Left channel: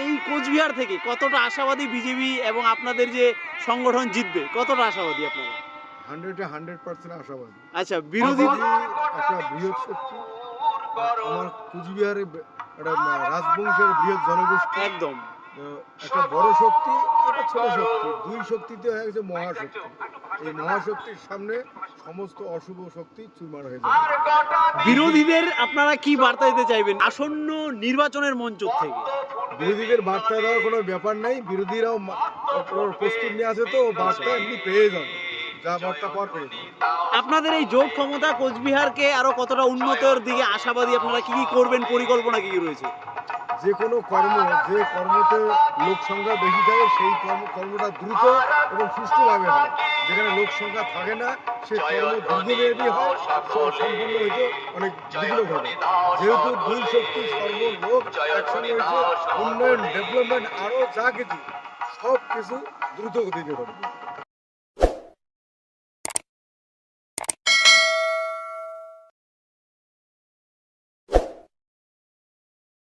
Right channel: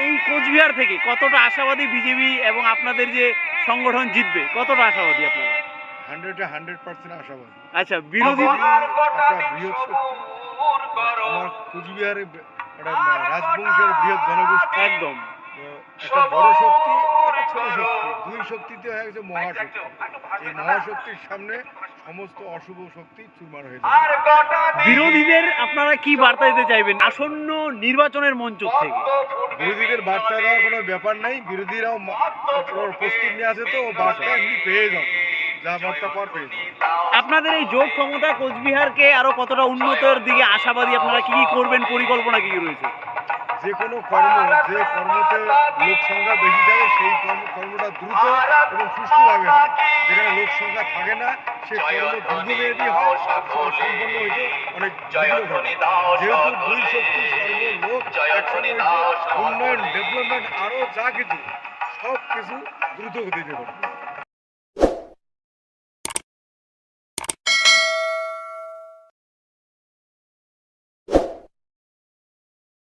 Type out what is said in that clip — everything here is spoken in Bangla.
এই কোচবিহার থেকে কতটা আশাবাদী বিজেপি এবং আপনাদের যে সংগঠন জিতবে, কতটা আশাবাদী আপনারা? 100% আশাবাদী। আচ্ছা, বিরোধী একটা বৃহৎ শক্তি। আমার কুচবিহারে একটা রাজবংশের বৃহৎ জনগোষ্ঠী। একদম। একটা বড় শক্তি, একটা ছোট শক্তি। দুই শক্তিতে হয়ে গেছে মহাশক্তি। এই মহাশক্তির সামনে সমস্ত অশুভ শক্তি চুরমার হয়ে যাবে। বিরোধীদের আপনারা কি বার্তা দিতে চাইবেন আসন্ন নির্বাচনের মঞ্চ থেকে? বিরোধীদের বার্তা দেওয়ার কোনো ব্যাপার নাই। বিরোধীরাও প্রস্তুত নিয়ে আছে, তো বার্তা এমনি পেয়ে যাবে। যা বার্তা পাওয়ার পেয়ে যাবে। আপনাদের এই জোট ক্ষমতা কোচবিহারকে আরো কতটা উন্নতর দিকে আশাবাদী? আপনারা কি কি করবেন, পরিকল্পনা কি কি রয়েছে? যে কোনো কর্ম, যে কর্মতে লোক সংখ্যা বেশি থাকে সেই কর্মটা দ্রুত এবং সুষ্ঠুভাবে হয়। যেখানে লোক সংখ্যা থাকে না সে কর্ম দীর্ঘমেয়াদী হয়, সম্পন্ন হইতে অনেক বিঘ্ন ঘটে। যেহেতু দুই শক্তি সর্বলোক একসঙ্গে হয়েছে, উন্নয়ন ডেভেলপমেন্ট আরও যা কিছু সব কিছু দ্রুত গতিতে ঘটে।